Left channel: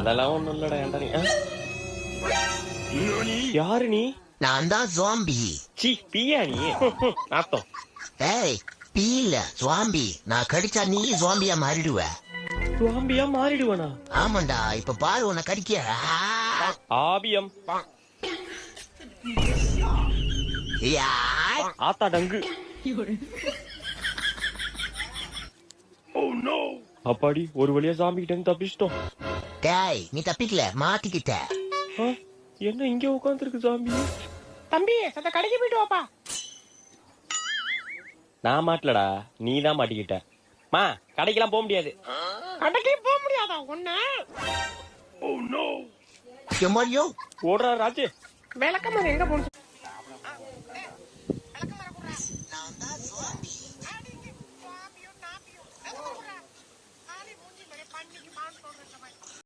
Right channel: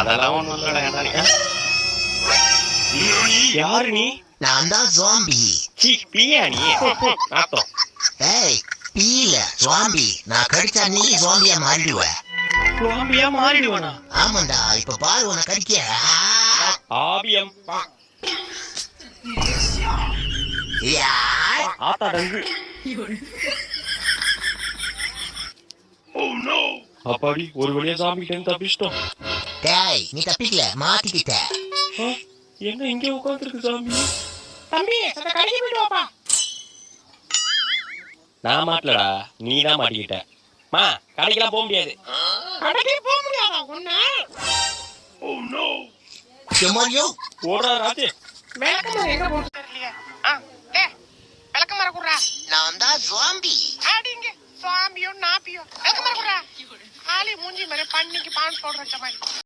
அதெல்லாம் ஒண்ணும் இல்லடா. யாரு நீ? நான் தான் ஜாம்பி. சி பியா நீ? நாத்தம். ஏய் பீல ஜாம்பி. நான் கடிச்சா நீ ஜாம்பியா மாறிடுவ. ஜாம்பியா மாறிடுவனா? ஆமாண்டா, இப்ப பாரு உன்னை கடிக்க. ஆபியம். ஆத்தா டங்கு. அப்பாடி ஒரு வழியா ஜாம்பி கிட்ட இருந்து தப்பிச்சிட்டோம். டேய் நீ தப்பிக்கல, மாட்டிக்கிட்ட. என்ன இங்க உட்கார்ந்துருக்கு ஜாம்பி? தம்பி அத கடைக்கு போயிட்டு வாப்பா. நான் மாட்டலடா, நீ தான் மாட்டிக்கிட்ட. மா கடைக்கெல்லாம் போக முடியாது. கடைக்கே போக முடியாதா ஒண்ணு? செம்மறியோ ஓடுறா ராஜு. விளக்கமாறு எங்க போறது தெரியலையே. டேய் விளக்கமாறு குடுறா. நான் தான் ஜாம்பி. ஆடிங்க சுவாமியோ நாப்பியோ விளக்கமாறு குடுறா. ஆளி மூஞ்சி மேல பண்ணிக்கு பான் போடுற மாதிரி.